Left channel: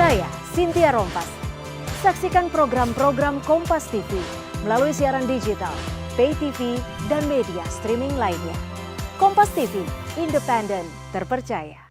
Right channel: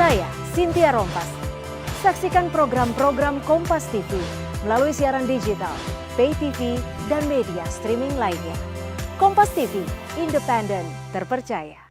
Saya Cynthia Rompas. Saksikan program-program Kompas TV melalui siaran digital, pay TV, dan media streaming lainnya. Kompas TV, independen, terpercaya.